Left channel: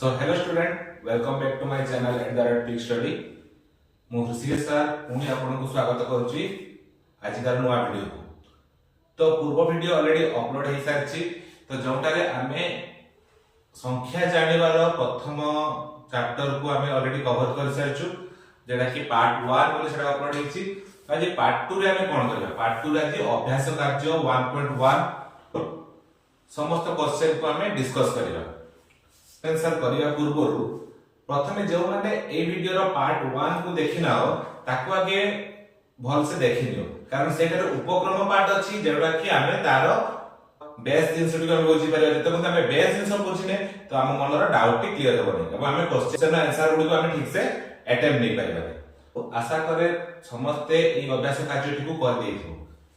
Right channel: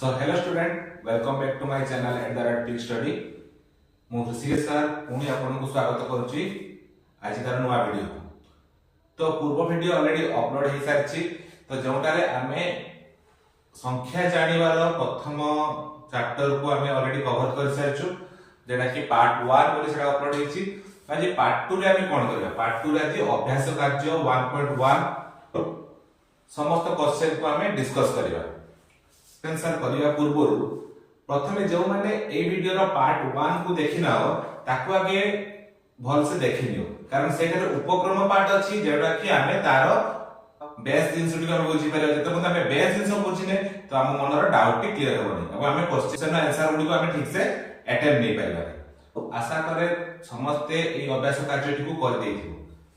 So hello student, welcome back to my channel at the Red Peak Study. मु Rishikesh sir पुणी आपको स्वागत करुच्ची आजिकार नुआ वीडियो को। तो पूर्व वीडियो ऑलरेडी अपलोड हो सारी तो जोटारे आमे संख्या जानिबार प्रथम चैप्टर को आमे ऑलरेडी कवर कर सारिछु जेटा कि पार्ट 1 बोली सेटा अपलोड होईची। आज पार्ट 2 रे आमे कोन करबा पार्ट 2 रे आज अभ्यास कार्य 1.1 समस्त क्वेश्चन को आमे डिस्कस करबा। आंसर करिया पूर्व प्रथमे जो माने ए वीडियो रो पार्ट 1 को देखिना हो ताको आगे भल से देखिनियो कारण सेठार उपक्रम पार्ट अछि जेटा कि आमे तारो बेस जिंस को हम बुझी पारे जते मते आमे बेस जिंस बुझिने तो हम मनर डाउट क्लियर हो नै अब आमे क्वेश्चन आंसर गुडी को आमे ठीक से अटेम्प्ट नै पाइबा। तो आशा करे समस्त ए अभ्यास कार्यटी को कर देथियो।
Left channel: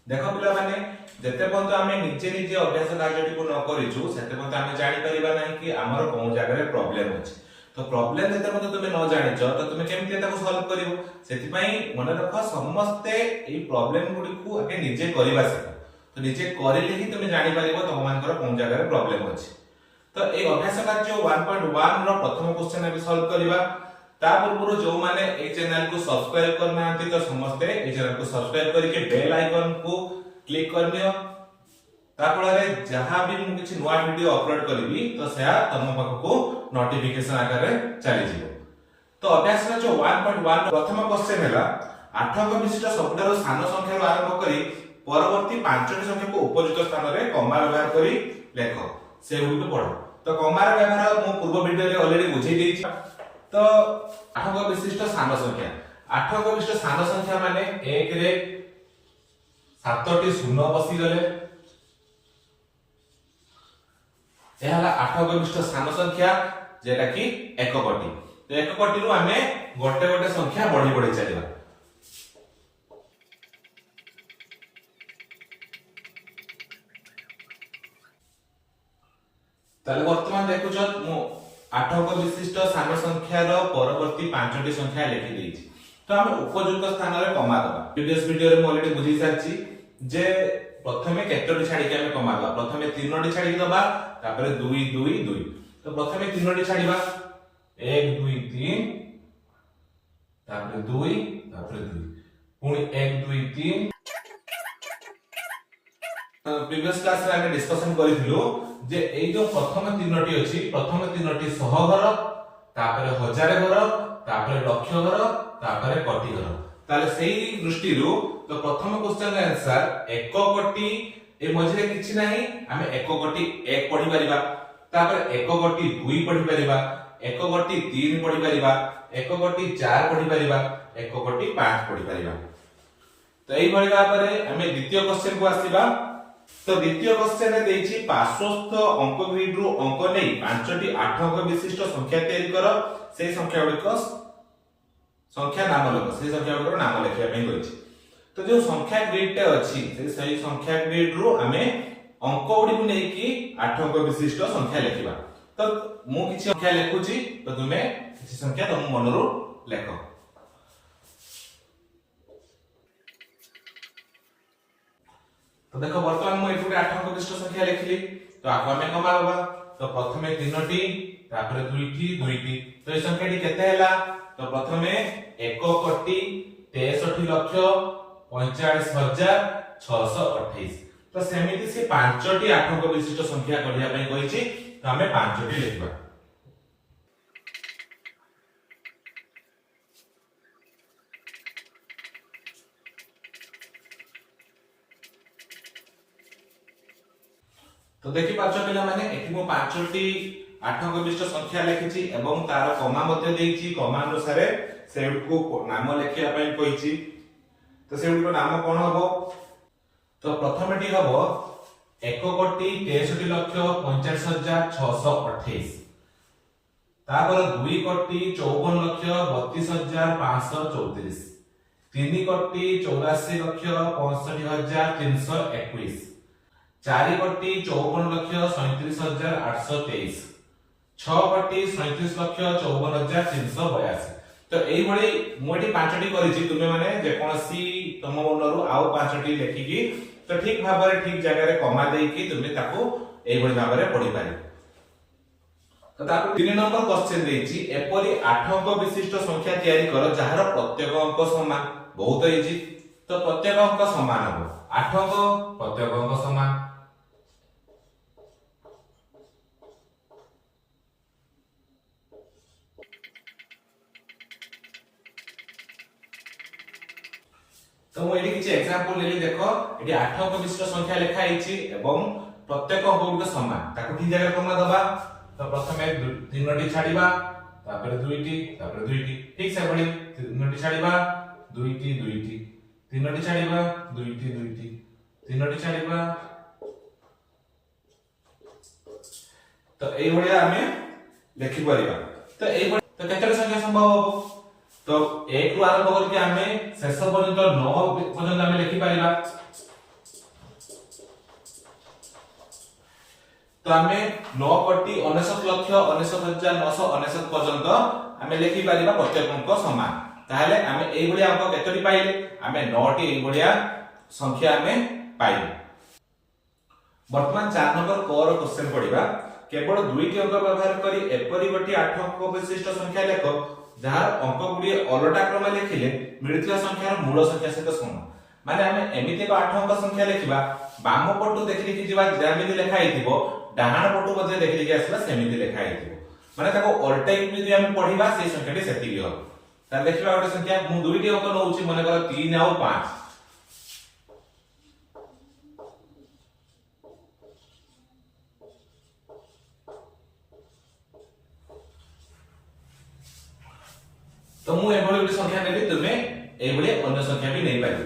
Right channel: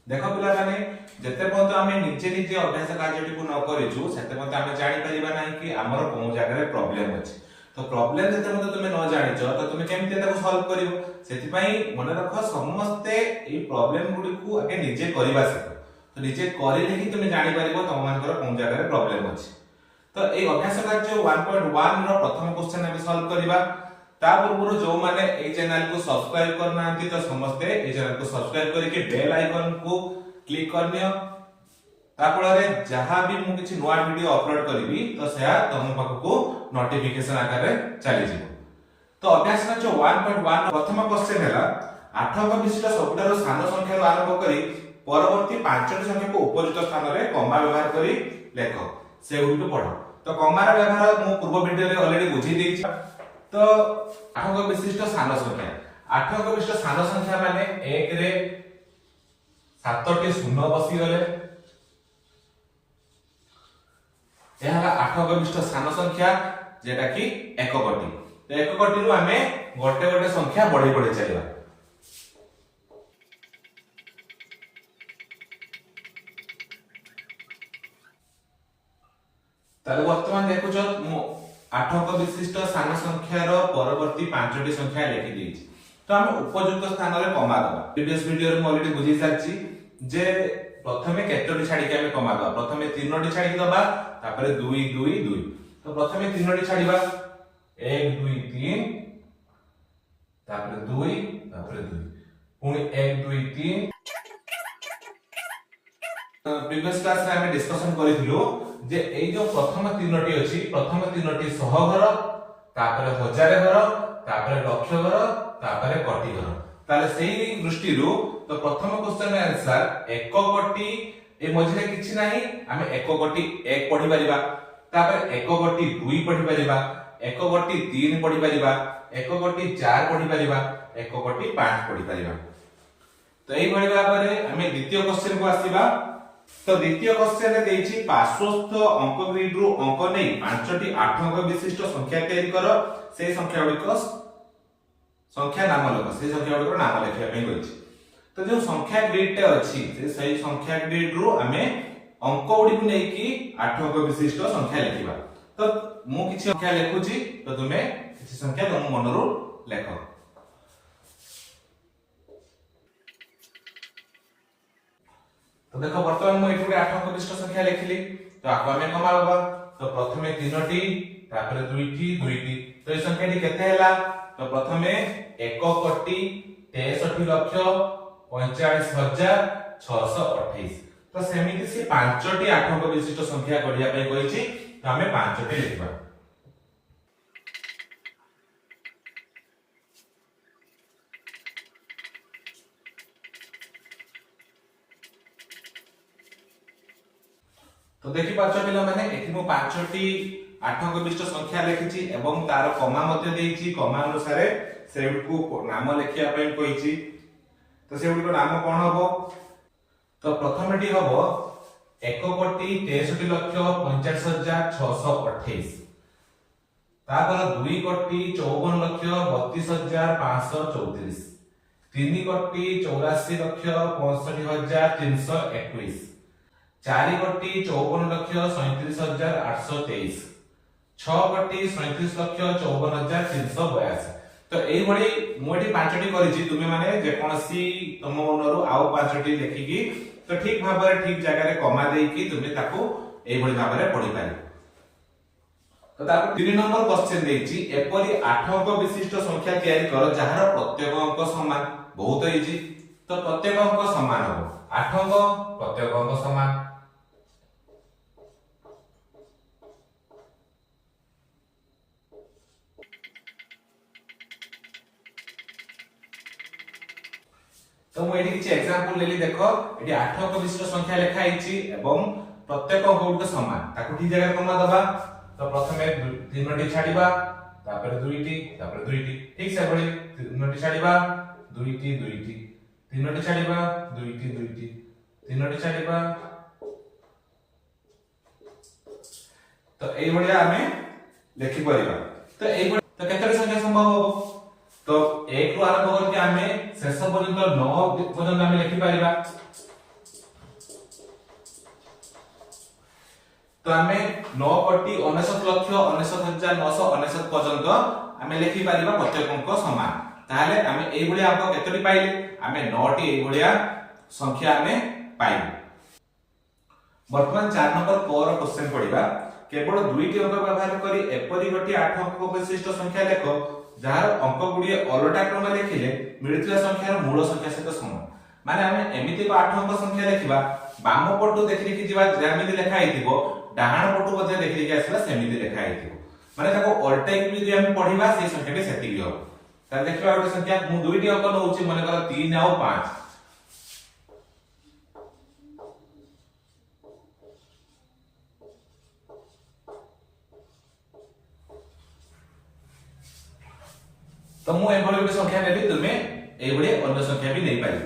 देखो पिला माने जते पन्त आमे निजे निजे अभ्यास कार्यटी को न करिछु सेते पन्त आमे जानि परिबा नाही कि हमर कोन जगह रे प्रॉब्लम अछि। तो प्रॉब्लम जते पन्त तुमे न जानिछ तो तुमे केमते ताको सॉल्व करिवो सेति पई मन रखो समस्त ए प्रॉब्लम गुडी को आके निजे करिबा से तो निजे करिले ही तुमे जानि परिबो तुम मानकर कोन जगह रे प्रॉब्लम अछि। तो ए अभ्यास कार्य 1.1 रो प्रथम क्वेश्चन आमे सॉल्व करिबा। ता पूर्व जो माने ए चैनल को सब्सक्राइब करना है तो समस्त ए चैनल को सब्सक्राइब करके बेल आइकन को क्लिक करनियो ता फଳରେ जहां भी मु किछि नया वीडियो अपलोड करबी तो सेहा तम पाखको नोटिफिकेशन आकार रे चली जिवो। तो अभ्यास कार्य 1.1 प्रथम क्वेश्चन हैला 8 अंक विशिष्ट सबुठारो सान संख्या रो आरंभ करी परवर्ती 5टी संख्या को उपयुक्त स्थान रे कमा व्यवहार करी लेखो से गुडी को पढो। तो कमा रो व्यवहार मु पूर्व वीडियो रे ऑलरेडी बुझी देछि। तो 8 अंक विशिष्ट सान संख्या 8 अंक विशिष्ट सान संख्या माने 1 रे 7टी शून्य बसी गले एहाला 8 अंक विशिष्ट सान संख्या जेटा कि एक कोटी। तो एक कोटी रु हमें गोटे गोटे संख्या बढ़ी बढ़ी चलिबा। ताले वर्तमान देखुछ मु 8 अंक विशिष्ट सान संख्या रो परवर्ती 5टी संख्या लिखि देछि। तो हम उपयुक्त स्थान रे कमा दबा। प्रीवियस वीडियो रे ऑलरेडी बुझी साची जे प्रथमे केतोटी छाडी के हम कमा दबा प्रथमे 3टी छाडी दबा तापर 2 2 2। तो प्रथमे 3टी छाडीबा 1 2 3 तापर 2 तापर 2 पुनी 1 2 3। प्रीवियस क्लास रे हम डिस्कशन करिथिलु जे ए जो प्रथम 3टी अछि प्रथम 3टी 100 घर तापर 1000 घर तापर लक्ष घर तापर कोटी घर। ताले सेही दृष्टि रु तो प्रथम क्वेश्चन आंसर एक कोटी ए मझे किछि नाही हमें एक कोटी 1 पढी परिबा तापर एक कोटी 2 पढी परिबा एक कोटी 3 पढी परिबा एक कोटी 4 पढी परिबा एक कोटी 5 पढी परिबा। तो एई भली भाबरे हमें द्वितीय क्वेश्चन को आसीबा। तो द्वितीय क्वेश्चन रे देछि पार्श्वस्थ अंक ग्रिड रु अंक नै 5टी 8 अंक विशिष्ट संख्या तैयारी करो से संख्या गुडी संख्या नाम लिख से संख्या गुडी नाम लिखिया पई होइछि। तो जो संख्या ग्रिड टे अछि से सही संख्या ग्रिड रु हमें अंक गुडी को नै कि 8 अंक विशिष्ट संख्या लिखिबा। तो मु किछि संख्या लिखुछि तो तुमे किछि संख्या तुम मन रु लेखो। तो देखो वर्तमान मु एठुरे 8 अंक विशिष्ट संख्या लिखिली तो आको हमें कमा लबा। तो प्रथमे 3टी तापर 2टी 2टी तो ए संख्याटी केते हैला तो प्रथमे 1 कोटी 63 लक्ष 45,628। तो सेमिति से 5टी 8 अंक विशिष्ट संख्या कढिया पई कहिछि तो हमें 5टी लिखबा। तो देखि पाछो पिला माने एठी मु 5टी 8 अंक विशिष्ट संख्या लिखिछि एवं तार कमा मध्ये देइछि कमा अनुसार सेउड को नाम लिखिया पई कहिछि। तो सेउड को नाम कोन हबो तो प्रथमटी हबो 1 कोटी 63 लक्ष 45,628 तापर 2 कोटी 54 लक्ष 32,534 3 कोटी 84 लक्ष 65,321 4 कोटी 54 लक्ष 37,823 6 कोटी 37 लक्ष 54,382। तो एई बडी मोटी 5टी करिछि तुमे माने जे कोनसी तम मनरो आउ 5टी लेखिकी तो ठीक भाबरे ठीक जगह रे कमा देकी तुमे ताको एई बडी भाबरे पढी पारि। तो तापर 3 नंबर क्वेश्चन देछि एपरि 8 अंक विशिष्ट संख्या तयारी कर जहार प्रत्येक अंक समान। बहुत इजी। तो प्रत्येक अंक समान हो 8 अंक प्रत्येक अंक समान। तो मु एठी किछि एग्जांपल लेली देखो एठी 8 अंक विशिष्ट संख्या लिखा हिची एवं प्रत्येक अंक गुड समान ताकू ठीक जगह कमा दबा। तो प्रथमे 3टी छाडिबा तापर 2टी तापर 2टी ठीक से भली 3टी छाडिबा 2टी 2टी 3टी छाडिबा 2टी 2टी 3टी छाडिबा। तो एई भलिया हमें लिखि परिबा। तो एई तो केते संख्या संभव हो। तो 1 रु आरंभ करके हमें शेष पर्यंत 9 पर्यंत हमें लिखि परिबा। तो हमें 9 कोटी 99 लक्ष 99,999 पर्यंत हमें लिखि परिबा प्रत्येक अंक समान। ताहले हमें एई भलिया अंक केतोटी पाइले हमें 9टी एई भलिया संख्या हमें पाइले। वर्तमान 4 नंबर कोर क्वेश्चन पढिबा। केवल 2टी अंक व्यवहार करी एपरि गोटी 8 अंक विशिष्ट संख्या लेख जहार अंक गुडी अलटा क्रम लिखिले मिलथिया संख्यार मूल संख्या सहित समान। माने हमें एमिति को 8 अंक संख्या लिखिबा बाम पटु देखि कि जिबा जेमिति लेखा हिथिबो डाहाण पटु मध्ये देखि कि आसीबा सेमिति लेखा हिथिबो। माने ताको अलटा कि जदि हम पढिबा से संख्याटी सेटिक हो। त देखिबा गोटे संख्या मु 2टी अंक नउची माने कर 3 और 5। तो मु एभली गोटे संख्या नेबी तुमे एभली अन्य संख्या भी नै पाइबे।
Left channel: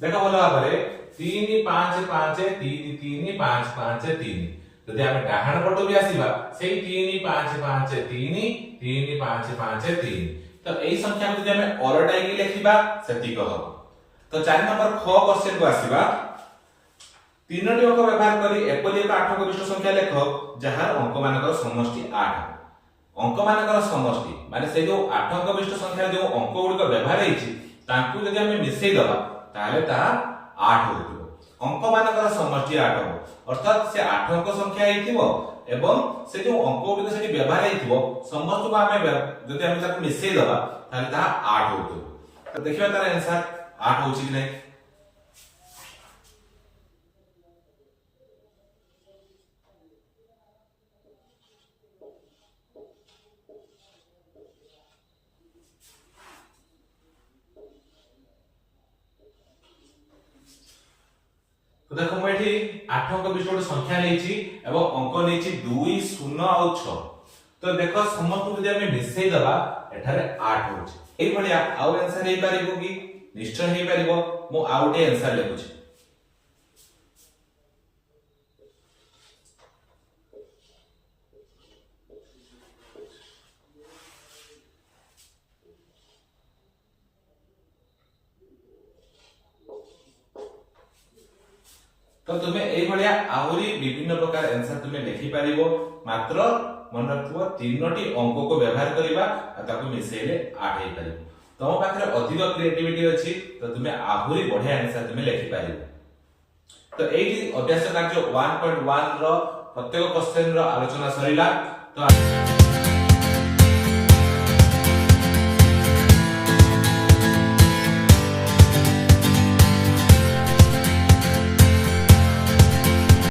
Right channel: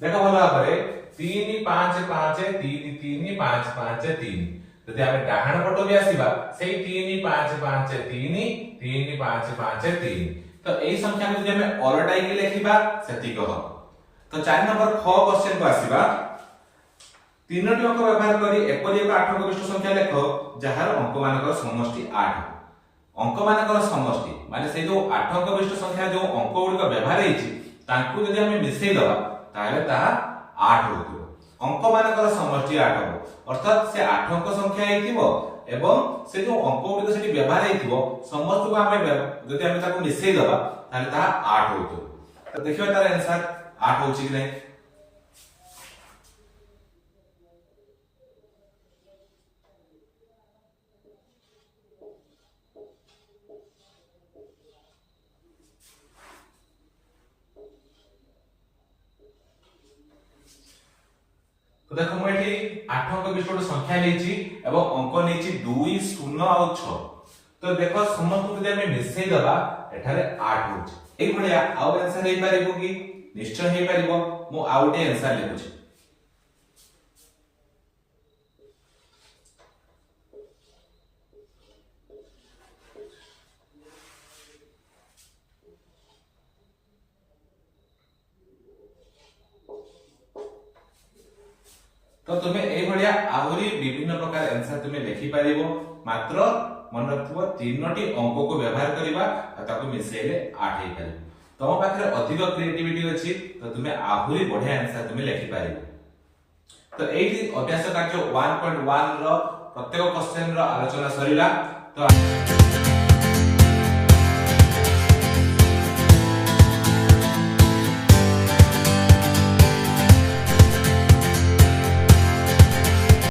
देखो भलो भाबरे 3 5 5 3 3 5 5 3 जदि हम डाहाण पटो भी आसीबा सेही 3 5 5 3 3 5 5 3। तो एई संख्या को जदि हम अलटाई कि लिखिबा सेति कह। तो 4 नंबर ख क्वेश्चन को आसीबा। 3टी अंक व्यवहार करी एपरि एक 8 अंक विशिष्ट संख्या लेख जहार अंक मानकर समष्टि 8। अंक मानकर समष्टि माने से जो 8 अंक विशिष्ट संख्या जो अंक गुडी को व्यवहार हेछि तांकु जदि हम मिसई दबा ताले ताहा 8 होतिबो। अंक मानकर समष्टि 8 हो अर्थात से 8 अंक संख्या हेतिबो एवं से जो अंक गुडी को सेठी व्यवहार हेतिबो समस्त को हमें जदि हम ताको मिसई दबा ताले ताहा 8 होतिबो। तो देखिबा तार आंसर 8 होछि कि नै। तो देखो मु एठी 8 अंक विशिष्ट संख्या लेछि एवं अंक नेछि 2 0 और 6। तो देखो समस्त को यदि हम मिसई दबा एठारे 8 होछि। एई भलिया आउ आंसर हेइ पारिबो कि निश्चय हेइ पारिबो। मु आउटे आंसर लेखुछि। तो तुम्हें एई भलिया आहुरी विभिन्न प्रकार आंसर तुम्हें लिखि पारिबो। मात्र मन रखिबो 3टी अंक को व्यवहार करिबा आ ताको मिसेले 8 हेइ पारिबो। तम पाखरे अधिक क्रिएटिविटी अछि तो तुम्हें आहुरी बढ़िया आंसर तुम्हें लिखि पारिबो। तो एठी अभ्यास कार्य 1.1 रो प्रत्येक क्वेश्चन रो आलोचना सरिला। तो